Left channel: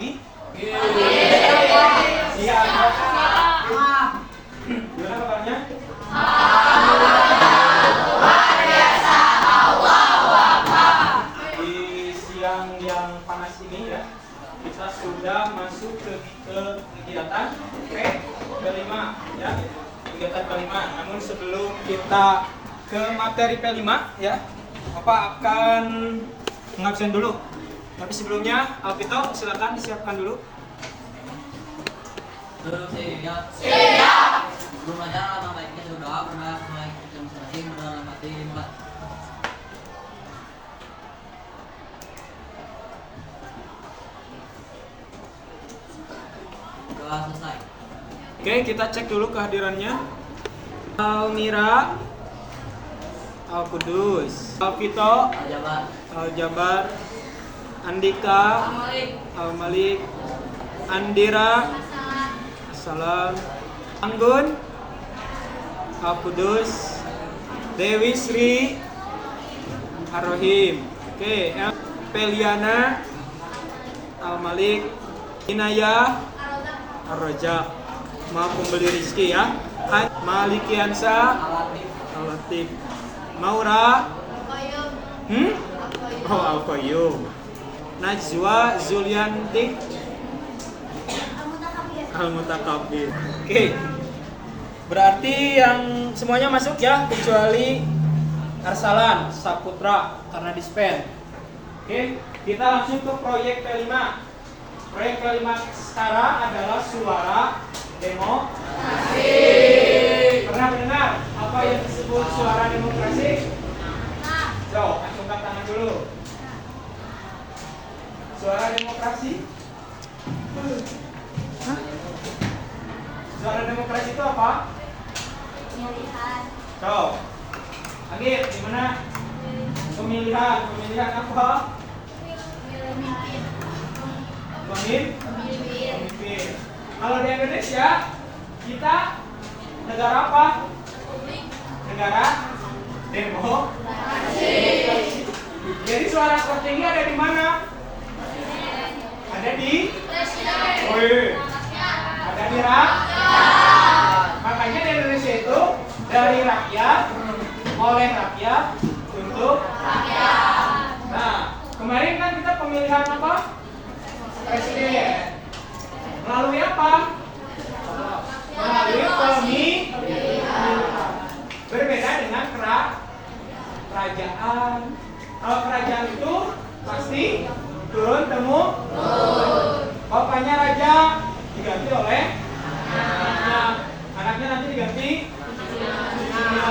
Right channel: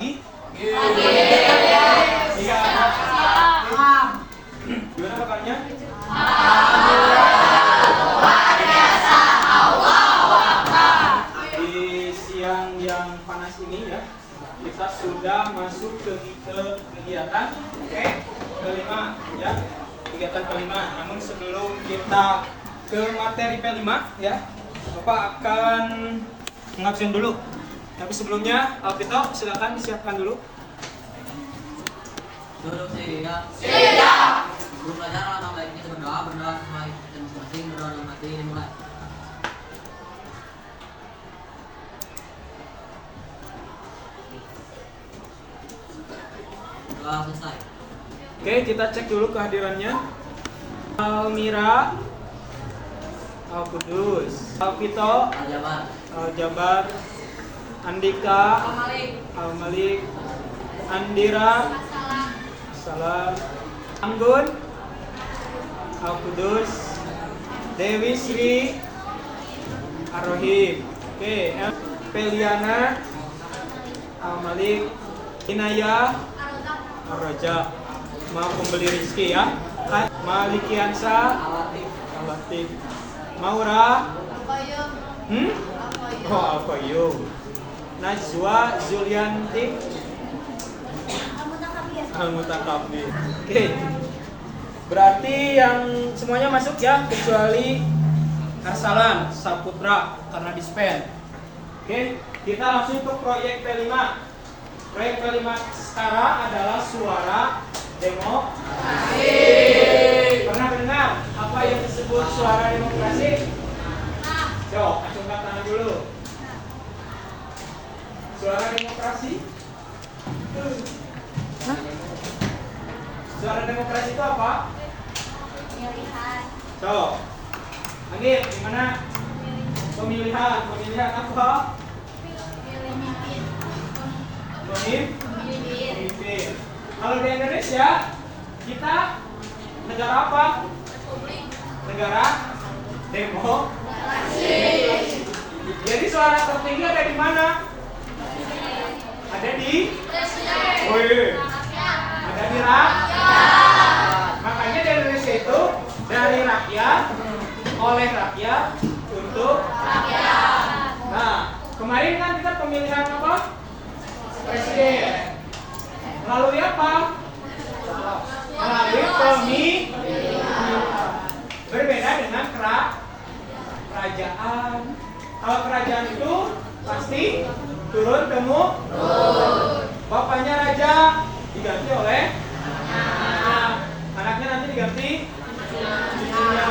pagi? Siap. Gimana kabarnya? Di siang yang panas ini ya, kita sudah masuk ke kegiatan kelima ya, kegiatan kelima. Namun sebelum kita ke materi P5 ya, Bapak akan mengabsen dulu. Tapi sebelumnya, Alvito silakan disiapkan dulu. Duduk siap. Guru belajar atau baiknya berdoa sesuai masing-masing berdoa dalam hati dimulai. Doa selesai. Oke, kita cek dulu kehadirannya. Almira, Al-Kudus, Alvito, Aljabar. Al-Jabar, Andika, Al-Malik, Andira, Salam, Anggun, Al-Kudus, Dewi Sri, Ar-Rohim. Oke, Peliana, Al-Malik, Inaya, Ar-Rajak. Maaf pembeli Rizki ya. Malikiansa, Al-Latif, Maura, Oh, Al-Qayyum, Najwa Zulianti, Al-Mutakabir. Oke. Berarti yang semuanya masuk ya, kecuali Arsalan, Saputra karena dispen. Oke, kita langsung ke proyek P5. Proyek P5 sekarang adalah suara demokrasi. Pernah dengar apa yang disebut suara demokrasi? Coba acungkan tangan dulu. Suara demokrasi. Suara demokrasi itu apa? Pemilihan. Coba. Lagi, gimana? Pemilihan. Pemilihan apa? Pemimpin. Kalau di Indonesia, kita negara apa? Negara demokrasi. Jadi suara tertinggi ada di mana? Ada di ada di rakyat. Makanya di Indonesia itu dari rakyat, oleh rakyat, untuk rakyat. Nah, kemarin kan kita pemilihan apa? Presiden. Melalui apa? Melalui pemilihan. Berbeda dengan kerajaan. Kalau kerajaan itu pasti turun temurun. Bapaknya raja diganti oleh anak. Anaknya nanti diganti cucunya.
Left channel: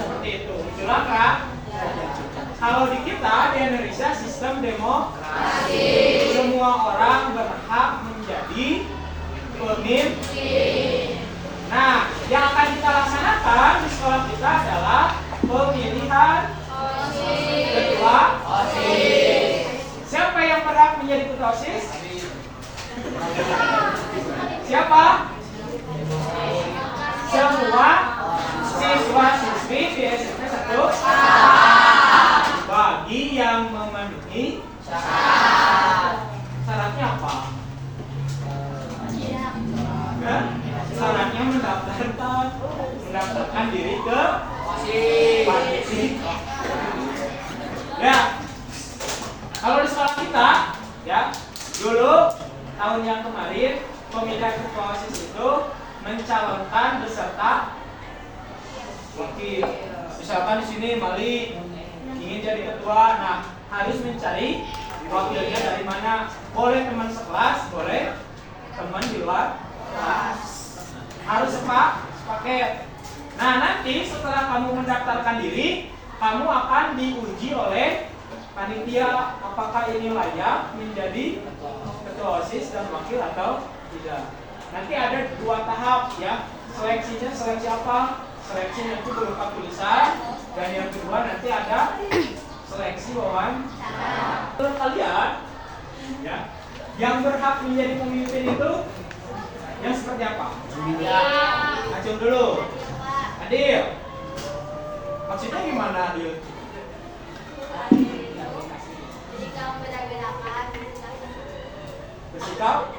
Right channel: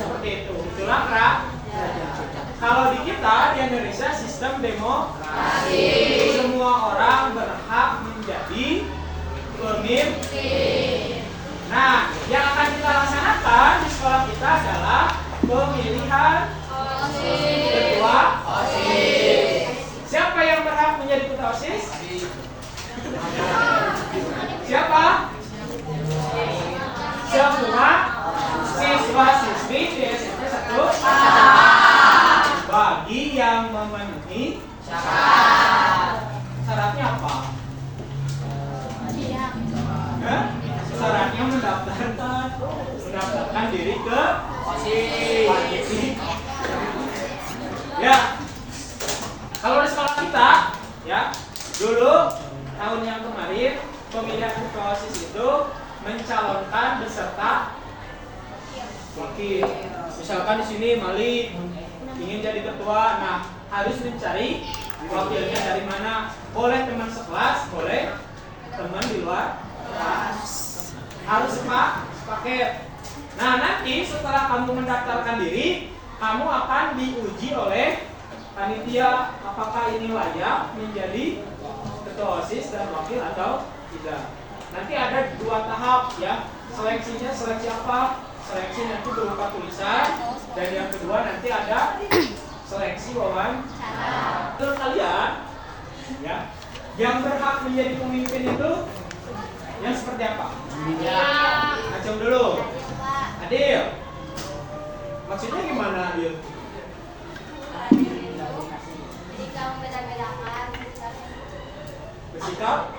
Seperti itu. Itulah kerajaan. Kalau di kita di Indonesia sistem demokrasi. Semua orang berhak menjadi pemimpin. Nah, yang akan kita laksanakan di sekolah kita adalah pemilihan ketua OSIS. Siapa yang berhak menjadi ketua OSIS? Siapa? Semua siswa-siswi di SMP 1 bagi yang memenuhi syarat. Syaratnya apa? Syaratnya mendaftarkan diri ke OSIS. Ya. Kalau di sekolah kita, ya, dulu tahun yang kemarin pemilihan ketua OSIS itu mencalonkan beserta wakil. Misalkan di sini Mali ingin jadi ketua, nah harus mencari wakilnya dari mana? Boleh teman sekelas, boleh teman di luar kelas. Harus sepaket. Nah, nanti setelah kamu mendaftarkan diri, kamu akan diuji oleh panitia apakah ini layak menjadi ketua OSIS dan wakil atau tidak. Nanti ada 2 tahap ya. Seleksinya seleksi apa? Seleksinya itu berupa tulisan, dan yang kedua nanti ada seleksi wawancara. Menurut kalian ya, yang berhak menjadi pemimpin itu yang seperti apa? Acung dulu. Adil. Maksudnya gimana Adil? Jadi kamu beda-bedakan. bersikap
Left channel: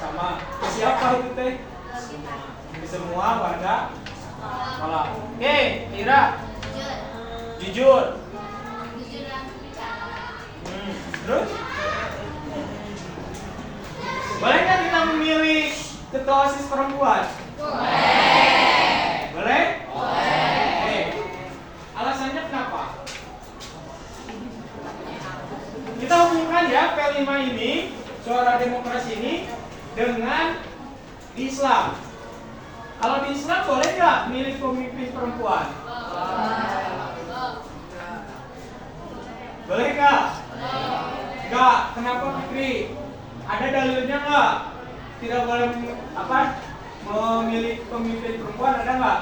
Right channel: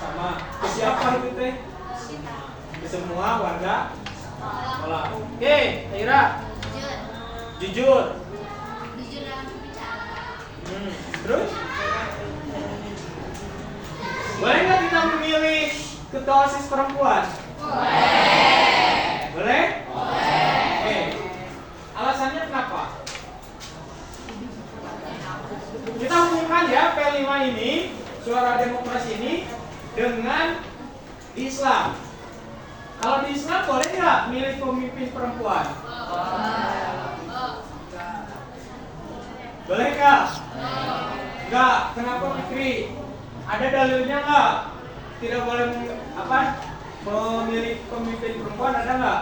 sama. Ke siapa itu teh? Ke semua warga sekolah. Oke, Ira. Jujur. Jujur dalam berbicara. Terus? Boleh nggak kita memilih ketua OSIS perempuan? Boleh? Oke. Alasannya kenapa? Kita hubungkan ya P5 ini, suara demokrasi ini dengan Islam. Kalau di Islam boleh nggak milih pemimpin perempuan? Boleh nggak? Nggak. Kenapa Fikri? Ada dalilnya nggak? Tidak boleh memilih pemimpin perempuan, ada nggak?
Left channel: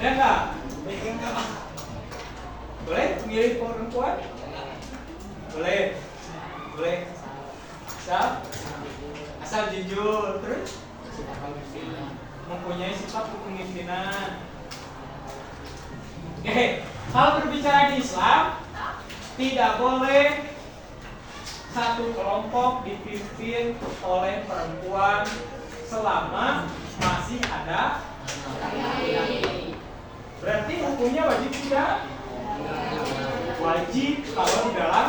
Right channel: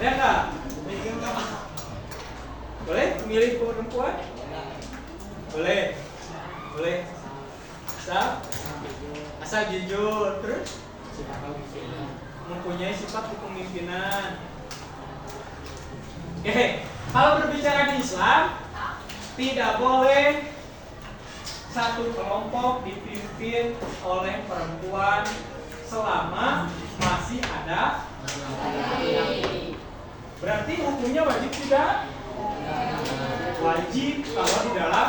Ada nggak? Boleh memilih perempuan? Boleh. Boleh. Asal jujur, terus mempunyai sifat kepemimpinan. Oke, kalau berbicara di Islam, tidak boleh satu kelompok dipimpin oleh perempuan selama masih ada laki-laki. Berarti hukumnya wajib tidak? Wajib kalau di dalam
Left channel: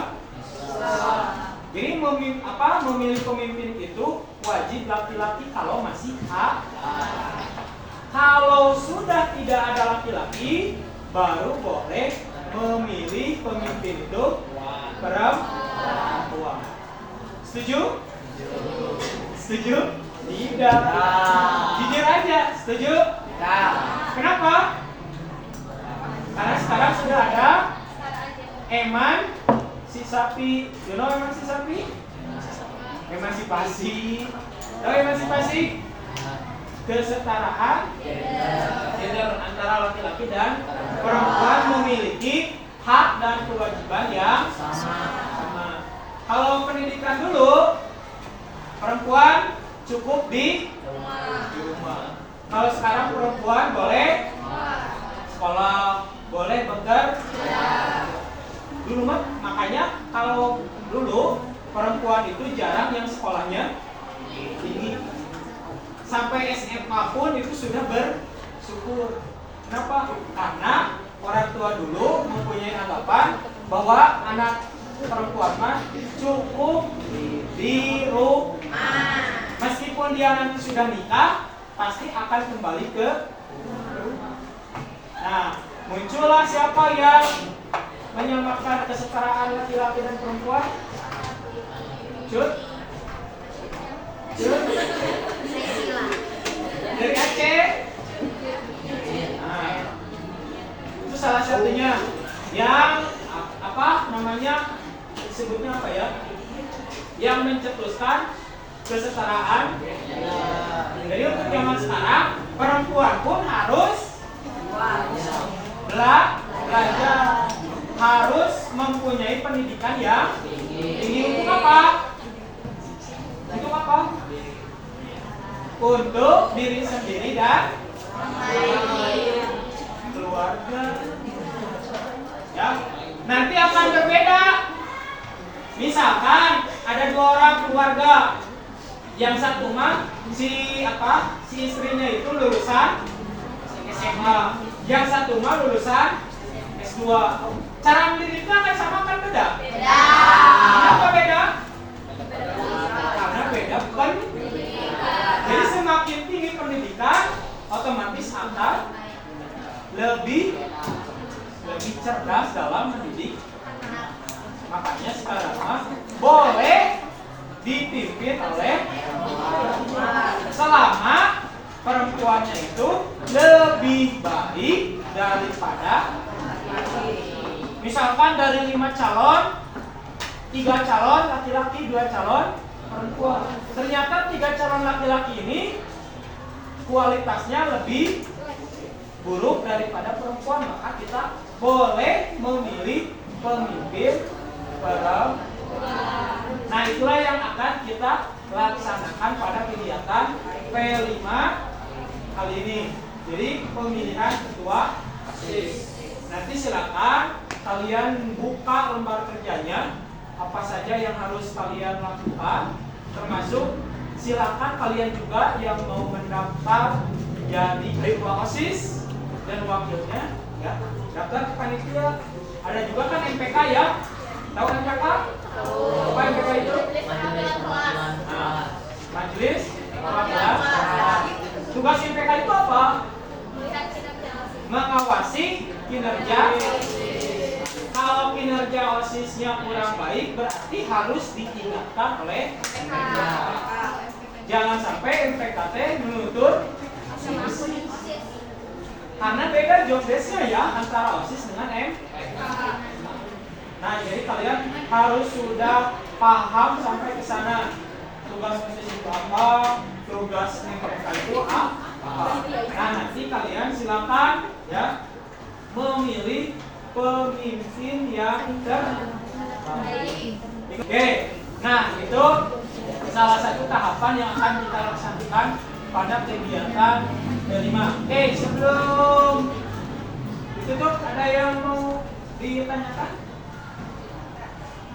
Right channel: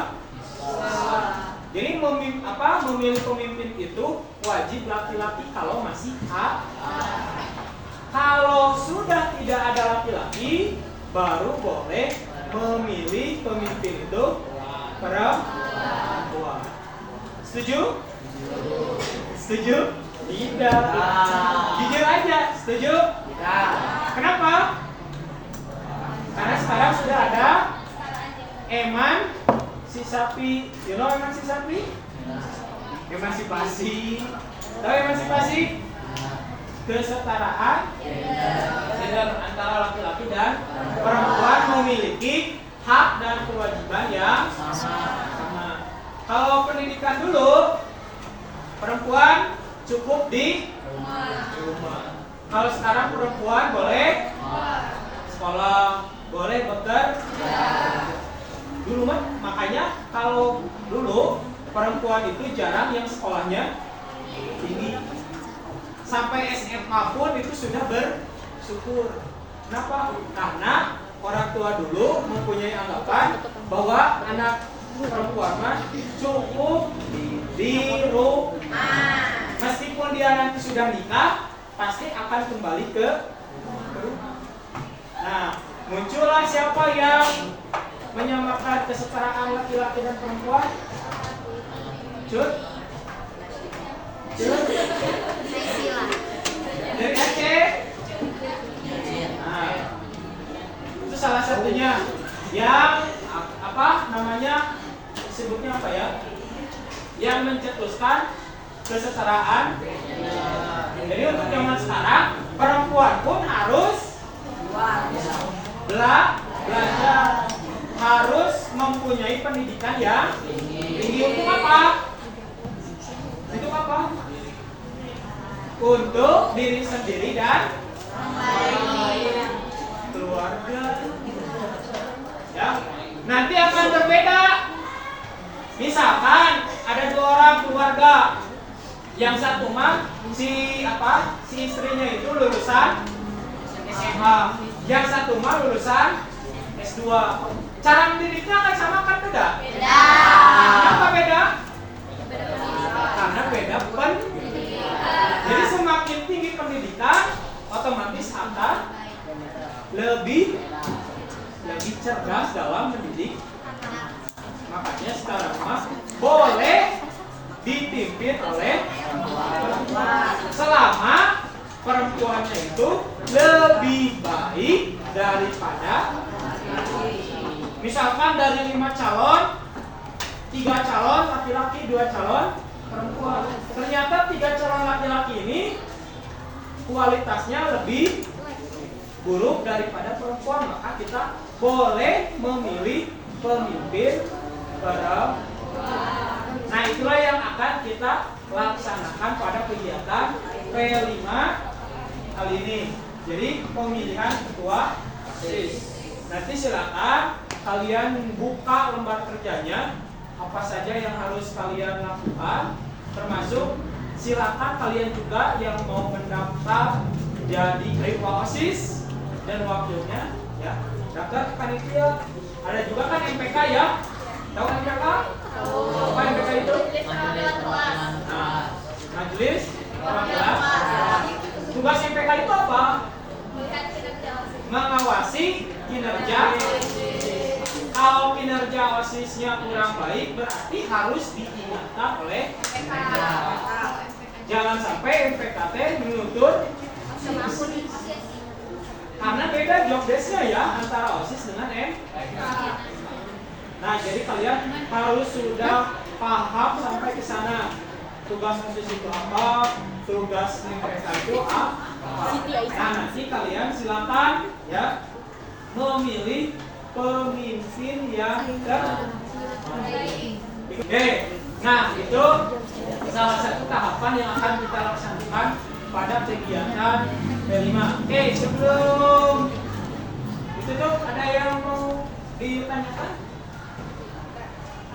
Islam. Jadi memilih pemimpin itu wajib laki-laki kalau masih ada. Kalau sudah tidak ada laki-laki, baru boleh memilih pemimpin itu perempuan. Setuju? Setuju? Tidak. Jujur aja, setuju? Tidak. Kenapa? Karena sekarang sudah ada eman si sapi. You know eman si sapi? Emansipasi. Tahu emansipasi? Kesetaraan gender antara laki-laki dan perempuan memiliki hak dan kewajiban yang sama. Kalau pendidikan dulu, perempuan cukup di rumah. Kalau sekarang perempuan boleh sekolah, boleh bekerja. Dulu makanya kalau dulu perempuan itu jarang yang sekolahnya tinggi. Sampai SMA pun itu sudah bersyukur. Kenapa? Karena orang tua dulu mempunyai anggapan bahwa anak perempuan mah cukup di rumah. Meskipun dia nanti sudah nikah, pasti akan kembali ke rumah. Nah, muncullah siapa yang menyamakan kesetaraan laki-laki dan perempuan? Cut? Dari Aceh. Nah, itu salah satunya yang disebutnya apa ya? Yang mencetuskan kesetaraan. Jadi untuk zaman sekarang perempuan pun harus belajar, harus mempunyai pendidikan yang tinggi. Untuk apa? Untuk apa? Untuk diri sendiri dan keluarga. Ya, nanti akan berbeda. Misalkan ada 2 orang keluarga, yang satu mah si istrinya itu lulusan SMA, yang satu mah lulusan S2. Cara mendidiknya akan sama kan beda? Beda. Kenapa beda? Karena beda pendidikan. Jadi semakin tinggi pendidikan, otomatis akan lebih cerdas dalam mendidik. Makanya sekarang mah boleh dipimpin oleh perempuan selama perempuannya itu lebih baik daripada laki-laki. Misalkan dari 5 calon, 3 calon laki-laki, 2 calon perempuan. Ternyata 3 calon laki-laki ini kualitasnya lebih buruk daripada perempuan, maka kita boleh memilih pemimpin perempuan. Nah, itulah yang akan kita laksanakan pada kegiatan P5 kali ini. Jadi pemilihan ketua OSIS. Nanti silakan kalian buka lembar kerjanya, apa saja yang harus kalian lakukan, termasuk silakan kalian juga yang mau mendaftar jadi ketua OSIS dan wakilnya, ya, daftar ke panitia. Ada juga kan MPK ya, tahu MPK? Apa MPK itu? Nah, Majelis Perwakilan. Tugas MPK itu apa? Mengawasi kinerja. Kalau kinerja OSISnya kurang baik, berarti harus diingatkan oleh MPK. Jangan sampai MPKT menuntut OSIS. Karena beda job desk-nya ya antara OSIS dengan MPK. Nah, jadi kalian harus sudah paham sampai ke sana. Tugas OSIS itu apa? Tugas MPK itu apa? Nah, nanti kalian silakan ya memilih pemimpin yang terbaik. Oke, nah itu salah satu tahapan yang akan kita laksanakan pada kegiatan D5. Oke, sebelum ditutup ada yang mau ditanyakan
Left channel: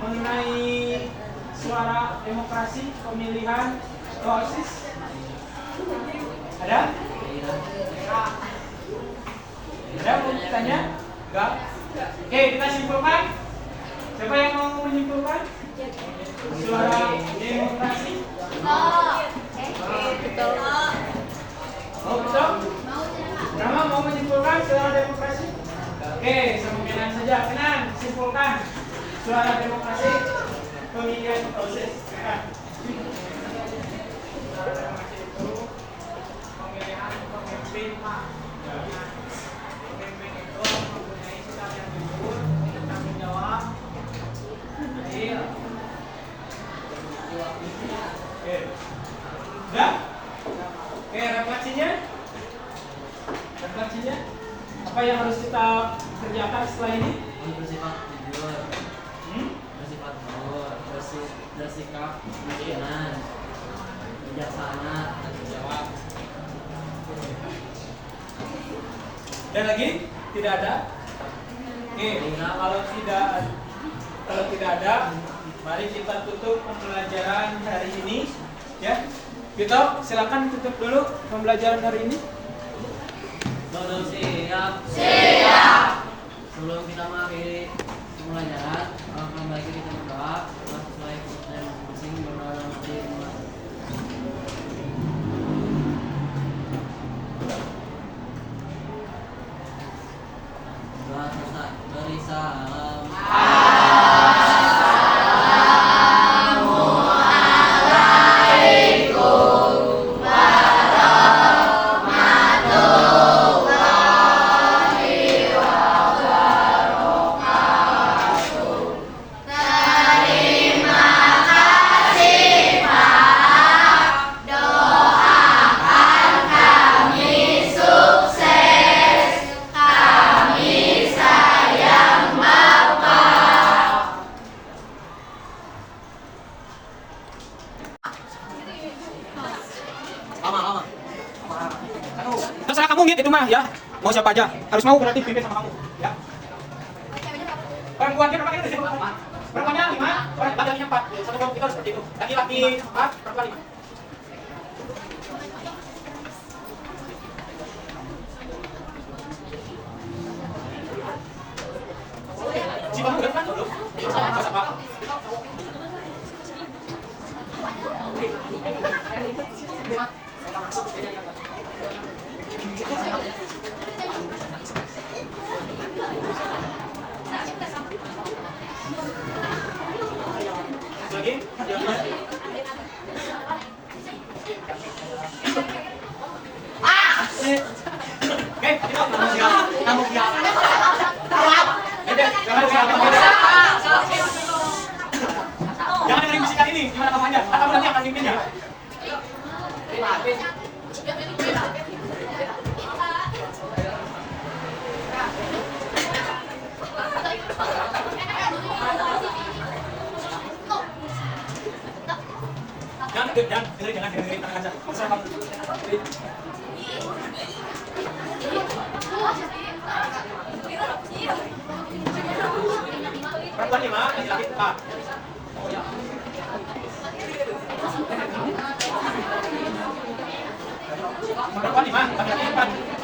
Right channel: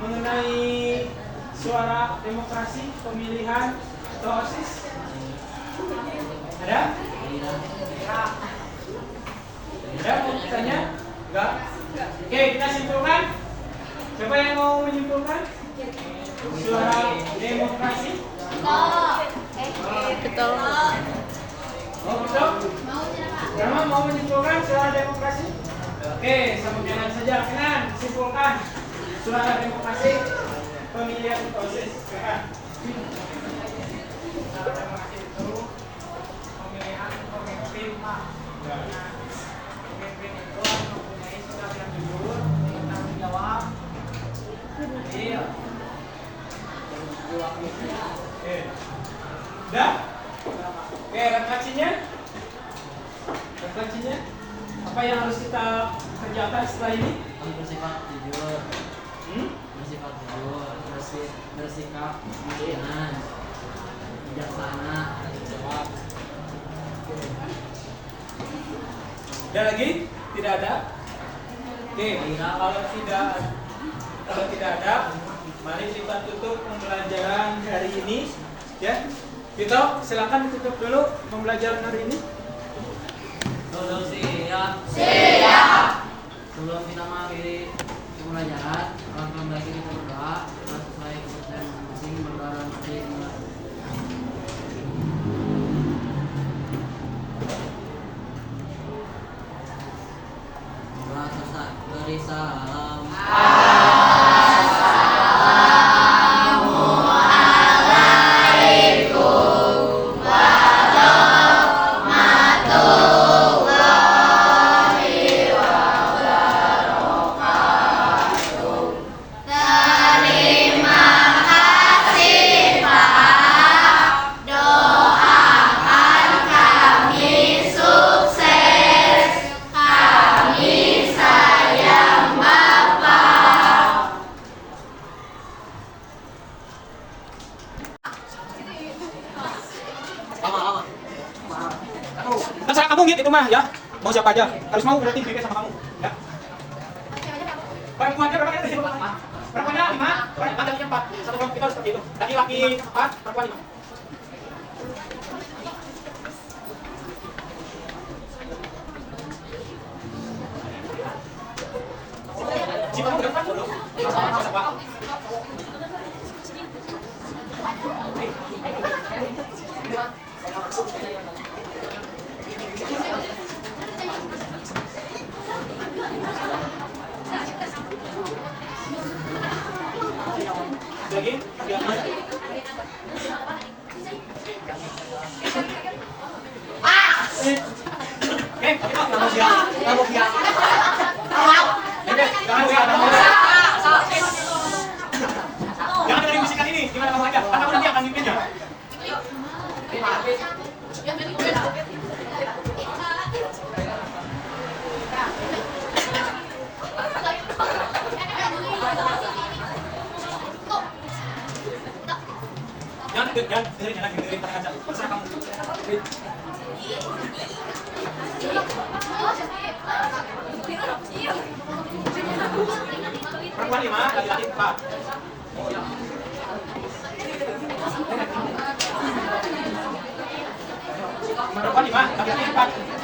mengenai suara demokrasi pemilihan OSIS? Ada? Ada mau ditanya? Enggak? Oke, kita simpulkan. Siapa yang mau menyimpulkan? Suara demokrasi? Betul. Oh, betul? Rama mau menyimpulkan suara demokrasi? Oke, sama Kenan saja. Kenan, simpulkan suara demokrasi pemilihan OSIS. Kenan. Suara demokrasi itu pemilihan pemimpin, Pak. Pemimpin itu mempunyai sikap yang jujur, bertanggung jawab, adil. Oke. Udah? Oke, refleksinya? Refleksinya? Apa yang harus kita kerjakan setelah ini? Bersifat jujur, bersifat jujur, bersikap kemudian bijaksana. Ada lagi? Tidak ada? Oke, kalau tidak ada, mari kita tutup pembelajaran hari ini, ya. Vito, silakan tutup dulu pembelajaran hari ini. Dodol siap. Siap. Sebelum kita mengakhiri pembelajaran, alangkah baiknya kita berdoa. Setelah selesai keputusan masing-masing berdoa dalam hati mulai. Doa selesai. Beri salam. Terserah kamu gitu itu mah ya. Mau siapa aja. Harus mau berarti pimpin sama kamu. Ya. Perempuannya berapa kali? Perempuannya 5, laki-lakinya 4. Satu kelompok kita harus seperti itu. Laki-laki 4, perempuan 5. Siapa kamu depan? Siapa? Lagi? Oke, kamu siap. Kamu siap. Jangan dengerin bisikan ini, gimana kamu aja? Kan kamu nanti akan mimpinnya. Jangan dengerin tangan aja. Terserah kamu. Perempuan 5, laki-laki 4. Pokoknya. Perempuan 5, laki-laki 4.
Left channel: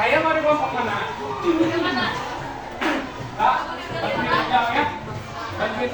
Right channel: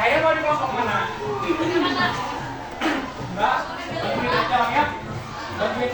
Saya mau di kelompok mana? Mbak, bantuin ya. Bantuin.